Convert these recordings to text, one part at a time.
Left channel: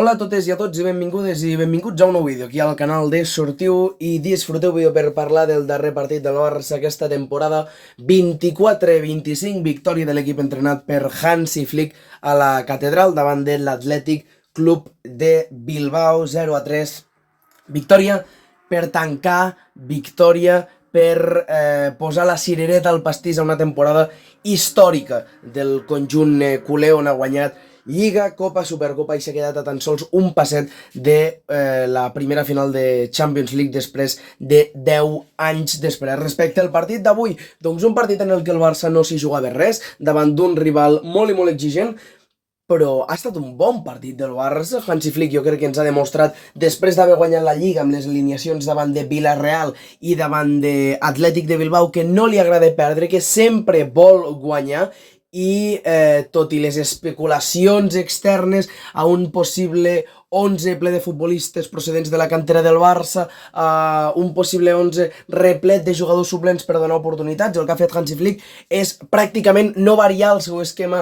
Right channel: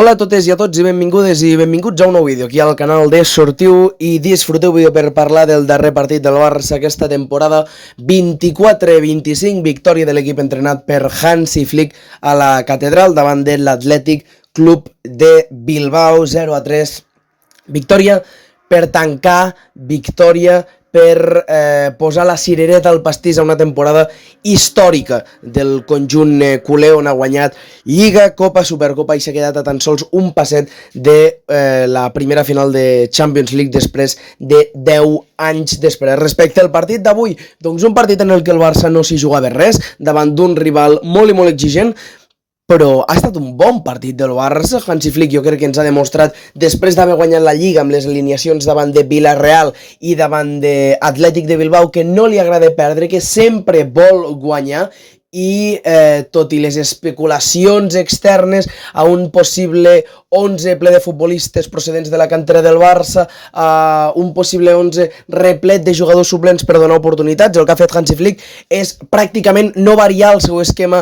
Hola a totes i a tots i benvingudes i benvinguts a un nou vídeo aquí al canal de Sortiu i disfruteu vídeo per parlar del darrer partit del Barça aquesta temporada. 24-25, victòria de l'equip entrenat per Hansi Flick a la Catedral davant de l'Atlètic Club de Bilbao. 0-3, victòria per tancar, victòria per posar la cirereta al pastís a una temporada històrica del conjunt culer, on ha guanyat Lliga, Copa, Supercopa i s'ha quedat a tan sols un passet de la primera final de Champions League després de 10 anys després. Respecte al partit d'avui, doncs un partit en el que el Barça no s'hi jugava res, davant d'un rival molt i molt exigent, però ha estat un bon partit del Barça. Hansi Flick jo crec que ens ha demostrat, després d'haver guanyat la Lliga amb les alineacions davant de Villarreal i davant de Atlètic de Bilbao, que no li agrada perdre, que sempre vol guanyar, i tot i les especulacions externes a un possible 11 ple de futbolistes procedents de la cantera del Barça, un possible 11 replet de jugadors suplents per donar oportunitats, el que ha fet Hansi Flick és pràcticament no variar el seu esquema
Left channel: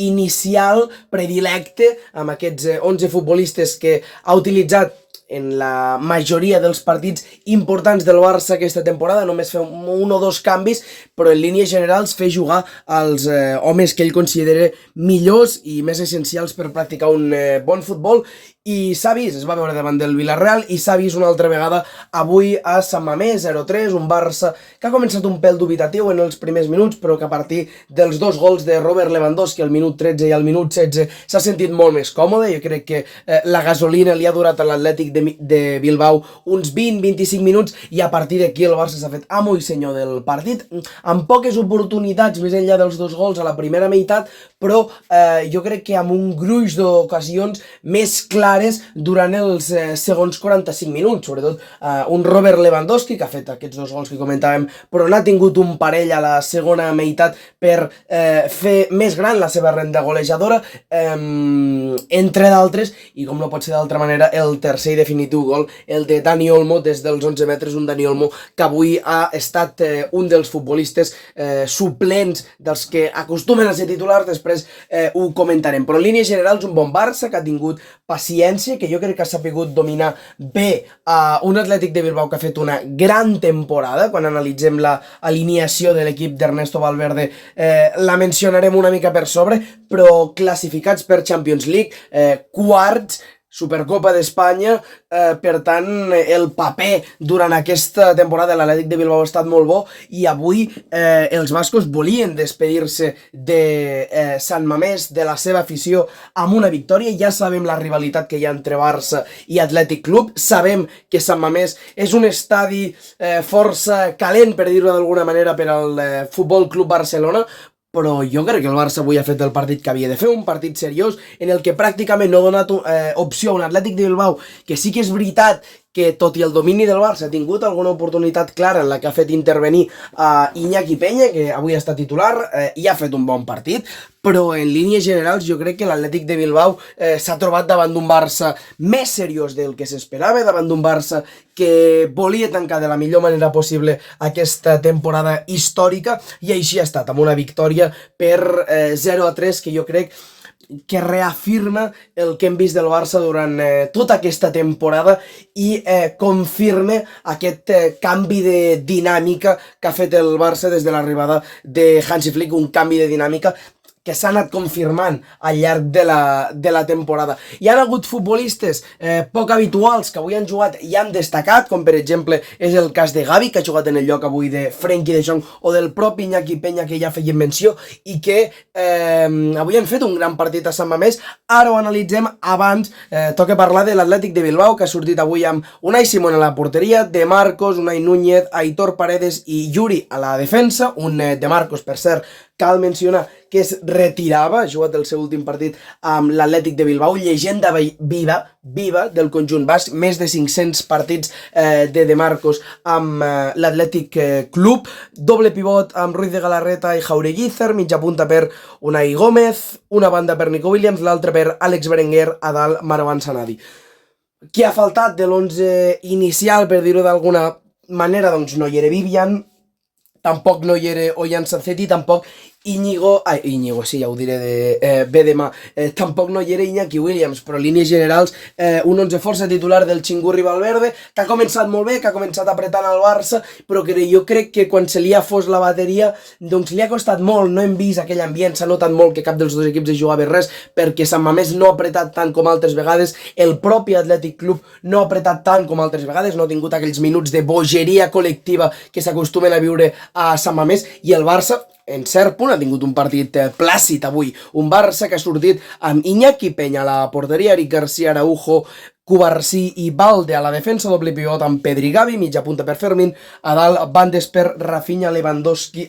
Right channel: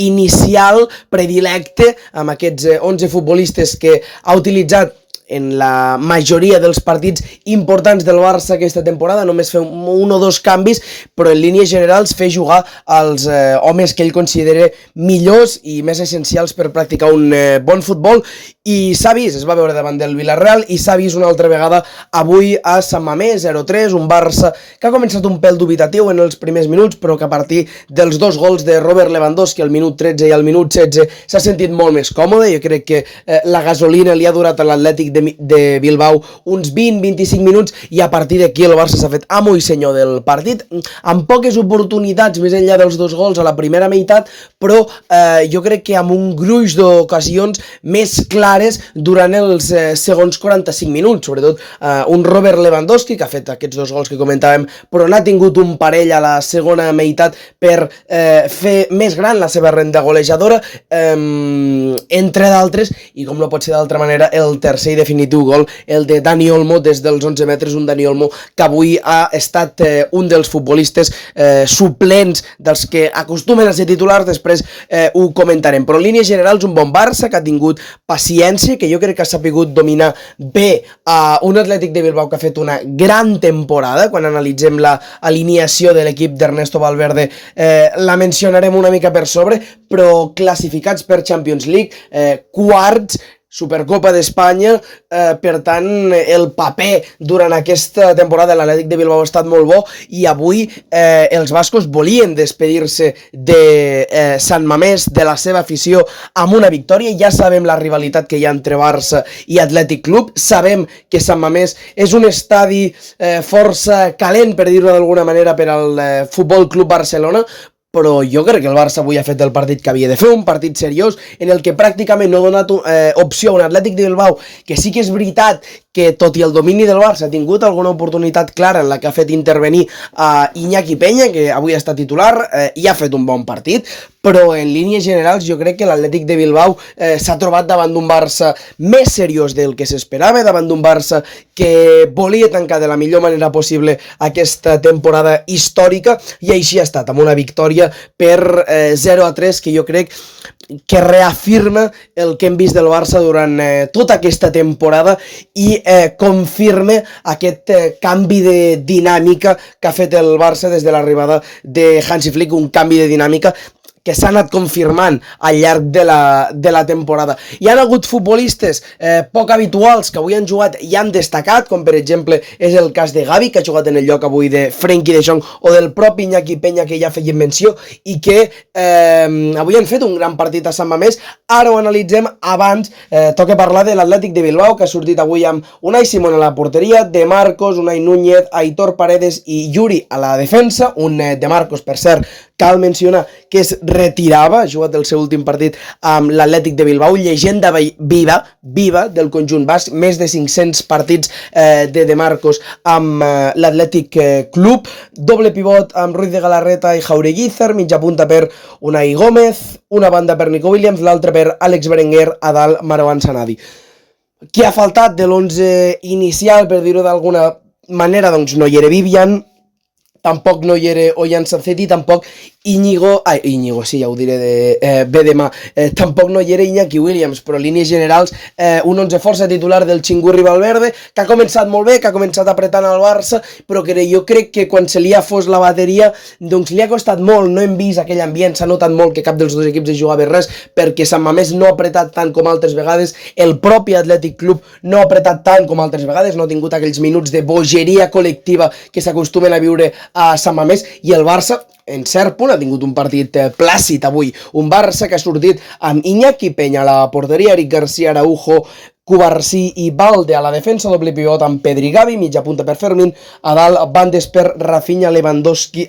inicial predilecte amb aquests 11 futbolistes que ha utilitzat en la majoria dels partits importants del Barça aquesta temporada. Només fer un o dos canvis, però en línies generals fer jugar els homes que ell considera millors i més essencials per practicar un bon futbol, i s'ha vist, es va veure davant del Villarreal i s'ha vist una altra vegada avui a Sant Mamés. 0-3, un Barça que ha començat un pèl dubitatiu en els primers minuts, però que a partir dels dos gols de Robert Lewandowski al minut 13 i al minut 16 s'ha sentit molt més còmode. Jo crec que la gasolina li ha durat a l'Atlètic de Bilbao uns 20-25 minuts, i a partir d'aquí el Barça s'ha fet amo i senyor del partit, amb poques oportunitats més enllà dels dos gols a la primera meitat, però jo crec que amb un gruix d'ocasions més clares durant els segons 45 minuts, sobretot un Robert Lewandowski que ha fet aquests dos gols que comentàvem, però n'ha tingut un parell a la segona meitat per fer més gran la seva renda golejadora, entre d'altres, i com no pot ser d'altra manera, el tercer i definitiu gol, el de Dani Olmo des dels 11 metres, un Dani Olmo que avui ha estat un dels futbolistes suplents dels que acostumen a ser titulars. Després ho comentarem, però en línies generals un bon Barça que ha tingut paciència, que jo crec que ha sapigut dominar bé un Atlètic de Bilbao que ha fet una gran temporada. Quan analitzem la alineació de l'equip d'Ernesto Valverde la mencionarem una mica per sobre, però classificats per Champions League, quarts, Supercopa d'Espanya, per tant el paper durant aquesta temporada de l'Atlètic de Bilbao ha estat molt bo, i avui els bascos volien despedir-se de Sant Mamés, de la seva afició, amb una victòria. Ja sabem la rivalitat que hi ha entre Barça i Atlètic Club, sabem que Sant Mamés és un estadi força calent, per dir-ho d'alguna manera, per al Futbol Club Barcelona, però jo crec que el Barça avui ha fet el partit que havia de fer, un partit seriós en el que pràcticament no ha donat opció a un Atlètic de Bilbao que sí que és veritat que, tot i el domini del Barça, ha tingut alguna oportunitat clara en la que ha fet intervenir a Iñaki Peña, que avui està titular, i ha fet un bon partit, però en línies generals jo crec que l'Atlètic de Bilbao s'ha trobat davant d'un Barça més seriós del que s'esperava, davant d'un Barça que volia tancar de la millor manera possible aquesta temporada històrica, i així ha estat, amb una victòria per 0-3 que jo crec que reafirma el que hem vist del Barça durant tota aquesta temporada i confirma aquest canvi de dinàmica que ha fet el Barça des de l'arribada de Hansi Flick, un canvi de dinàmica que s'ha anat confirmant al llarg de la temporada. Hi ha hagut futbolistes poc habituals que avui han jugat i han destacat, com per exemple és el cas de Gavi, que ha jugat en el lloc avui de Frenkie de Jong, o del propi Iñaki Peña, que ja feien menció, i que avui han fet un gran partit a Sant Mamés. Ara ho analitzem. Abans toca parlar de l'Atlètic de Bilbao, que ha sortit avui amb Unai Simón a la porteria, De Marcos, Unai Núñez, Aitor Paredes i Yuri a la defensa. Un De Marcos, per cert, cal mencionar que es retirava, ha jugat el seu últim partit amb l'Atlètic de Bilbao, llegenda viva del conjunt basc, més de 500 partits de Marcos amb l'Atlètic Club. Doble pivot amb Ruiz de Galarreta i Jaureguizar, mitja punta per Unai Gómez, una banda per Nico Williams, l'altra per Àlex Berenguer, a dalt Marwan Sanadi. Qui ha faltat de l'11 inicial, per dir-ho d'alguna manera? Doncs no hi era Vivian, tampoc no hi era Ollán Sancet i tampoc Íñigo, sí, ja ho diré bé demà. Tampoc no hi era Iñaki Williams, però línies generals, un 11 força titular del Xingurri Valverde, que ha començat molt bé, que ha començat apretant al Barça, però que jo crec que quan se li ha fos la bateria, doncs li ha costat molt, no hem vist aquell ambient, s'ha notat molt que cap dels dos equips jugava res, perquè Sant Mamés no ha apretat tant com altres vegades, el propi Atlètic Club no ha apretat tant com altres vegades, no ha tingut aquells minuts de bogeria col·lectiva que s'acostumen a viure a Sant Mamés, i el Barça, en cert punt, ha tingut un partit plàcid avui, un Barça que ha sortit amb Iñaki Peña a la porteria, Eric García, Araujo, Cubarsí i Balde a la defensa, doble pivot amb Pedri Gavi, mitja punta per Fermín, a dalt bandes per Rafinha, Lewandowski,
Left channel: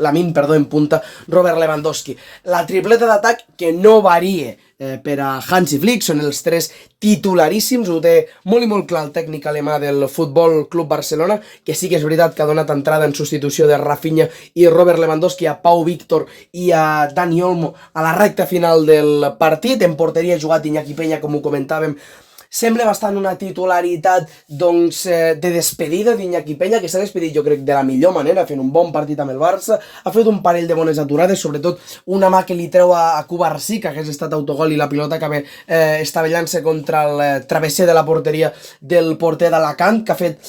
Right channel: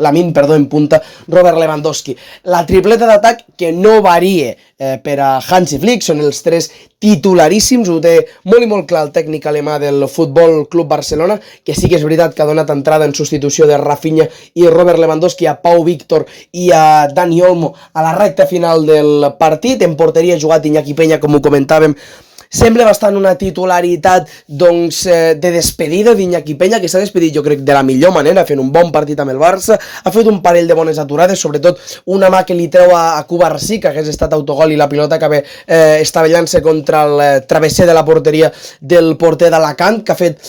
Lamine, en punta, Robert Lewandowski. La tripleta d'atac que no varie per a Hansi Flick, són els tres titularíssims, ho té molt i molt clar el tècnic alemà del Futbol Club Barcelona, que sí que és veritat que ha donat entrada en substitució de Rafinha i Robert Lewandowski a Pau Víctor i a Dani Olmo a la recta final del partit. En porteria ha jugat Iñaki Peña, com ho comentàvem. Sembla bastant una titularitat de despedida d'Iñaki Peña, que s'ha despedit jo crec de la millor manera, fent un bon partit amb el Barça, ha fet un parell de bones aturades, sobretot una mà que li treu a Cubarsí, que hagués estat autogol, i la pilota que estavellant-se contra el travesser de la porteria del porter d'Alacant, que ha fet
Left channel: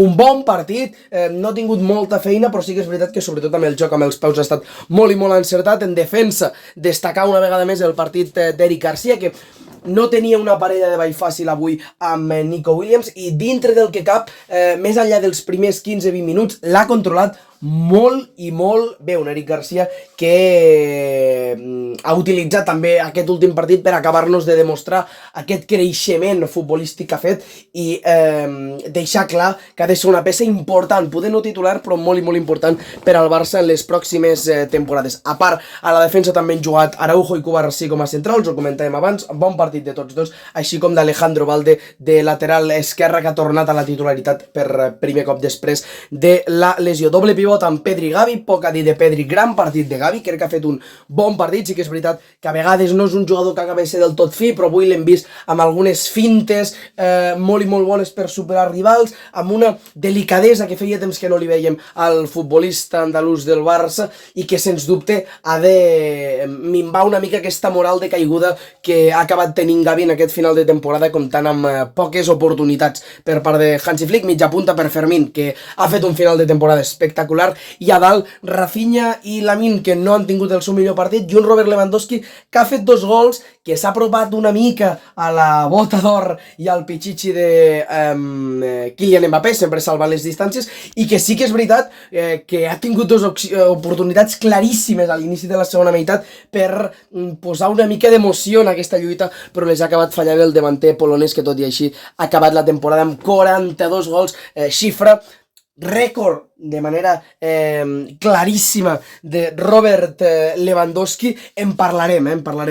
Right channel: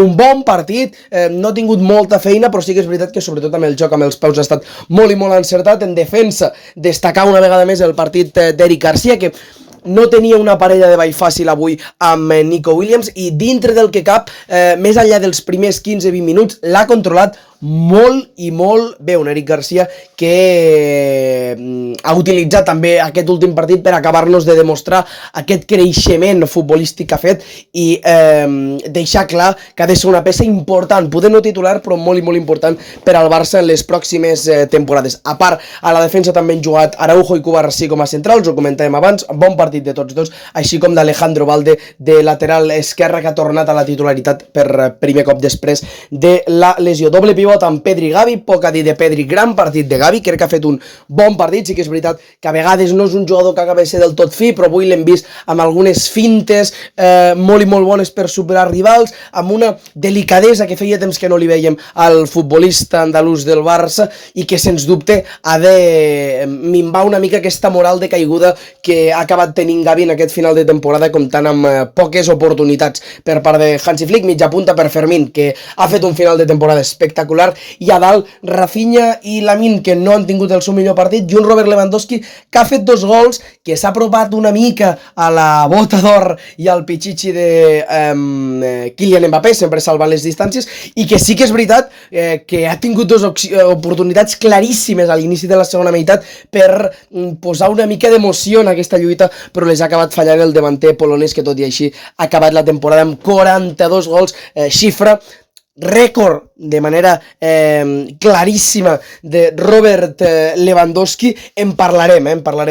un bon partit, no ha tingut molta feina, però sí que és veritat que sobretot amb el joc, amb els peus, ha estat molt i molt encertat. En defensa, destacar una vegada més el partit d'Eric García, que no tenia una parella de ball fàcil avui amb Nico Williams, i dintre del que cap, més enllà dels primers 15-20 minuts, l'ha controlat molt i molt bé un Eric García que ha utilitzat també aquest últim partit per acabar-nos de demostrar aquest creixement futbolístic que ha fet i deixar clar que ha de ser una peça important, poder no titular però molt i molt important per al Barça en les pròximes temporades. A part, a la defensa també han jugat Araujo i Cubarsí com a centrals, ho comentàvem abans, bon partit de tots dos, així com d'Alejandro Balde de lateral esquerre, que ha tornat a la titularitat per primer cop després de la lesió. Doble pivot amb Pedri Gavi, poc a dir de Pedri, gran partit de Gavi, crec que ha fet un bon partit, sí que és veritat que a vegades no és un jugador que acaba de ser del tot fi, però avui l'hem vist amb algunes fintes molt i molt bones per superar rivals, amb una delicadesa que feia temps que no li veiem al futbolista andalús del Barça i que sens dubte ha de minvar una mica aquesta moral de caiguda que ha acabat tenint Gavi en aquest final de temporada, comptant amb poques oportunitats per part de Hansi Flick. Mitja punta per Fermín, que ha fet un final de temporada espectacular, i a dalt Rafinha i Lamine, que no han tingut el seu millor partit, i un Robert Lewandowski que ha fet 2 gols, que s'ha apropat una mica a la bota d'or i al pichichi de Kylian Mbappé, sempre salvant les distàncies, i que sí que és veritat que ha tingut 2 oportunitats claríssimes a l'inici de la segona meitat per posar una mica d'emoció en aquesta lluita, però les ha acabat fallant el davanter polonès, que tot i així ha acabat la temporada amb 42 gols, xifra rècord de manera claríssima de Robert Lewandowski. En parlarem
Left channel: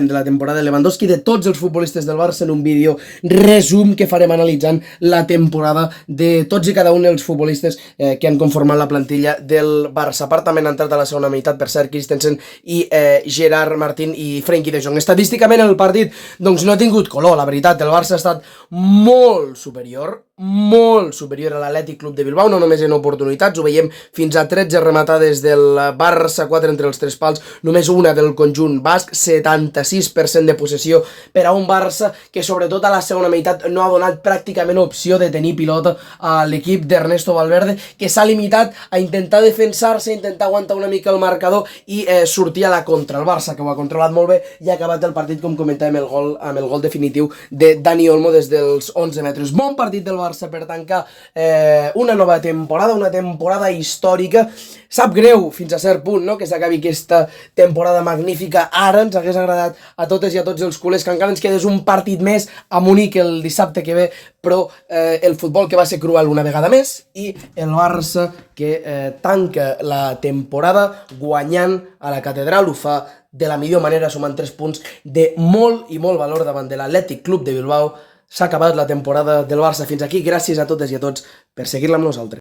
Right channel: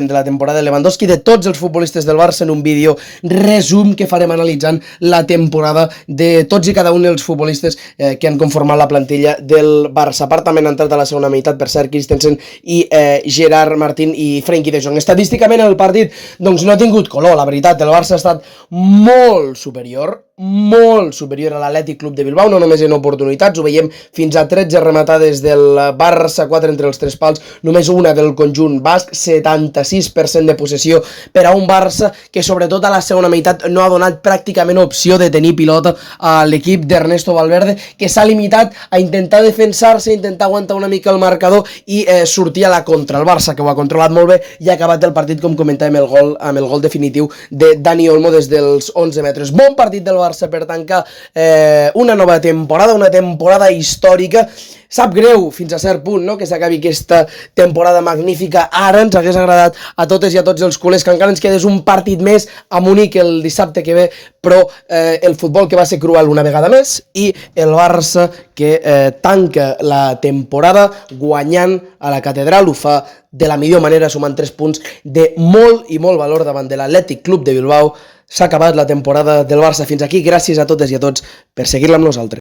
de la temporada de Lewandowski, de tots els futbolistes del Barça, en un vídeo resum que farem analitzant la temporada de tots i cada un dels futbolistes que han conformat la plantilla del Barça. A part, també han entrat a la segona meitat, per cert, Christensen i Gerard Martín i Frenkie de Jong. Estadísticament el partit doncs no ha tingut color, la veritat, el Barça ha estat molt superior a l'Atlètic Club de Bilbao, no només en oportunitats, ho veiem fins a 13 rematades del Barça, 4 entre els 3 pals, només una del conjunt basc, 76% de possessió per a un Barça que sobretot a la segona meitat no ha donat pràcticament opció de tenir pilota a l'equip d'Ernesto Valverde, que s'ha limitat a intentar defensar-se, a intentar aguantar una mica el marcador i sortir a la contra. El Barça, que ho ha controlat molt bé i ha acabat el partit, com comentàvem, amb el gol definitiu de Dani Olmo des dels 11 metres. Bon partit del Barça per tancar una nova temporada, una temporada històrica. Sap greu fins a cert punt, no?, que s'acabi aquesta temporada magnífica. Ara ens hagués agradat a totes i a tots els culers que encara ens quedés un partit més a Munic el dissabte que ve, però el futbol que va ser cruel una vegada més i el Barça que tanca la temporada guanyant a la Catedral, ho fa de la millor manera, sumant 3 punts de molt i molt valor davant de l'Atlètic Club de Bilbao. S'ha acabat la temporada del Barça fins aquí. Gràcies a totes i a tots per seguir-la amb nosaltres.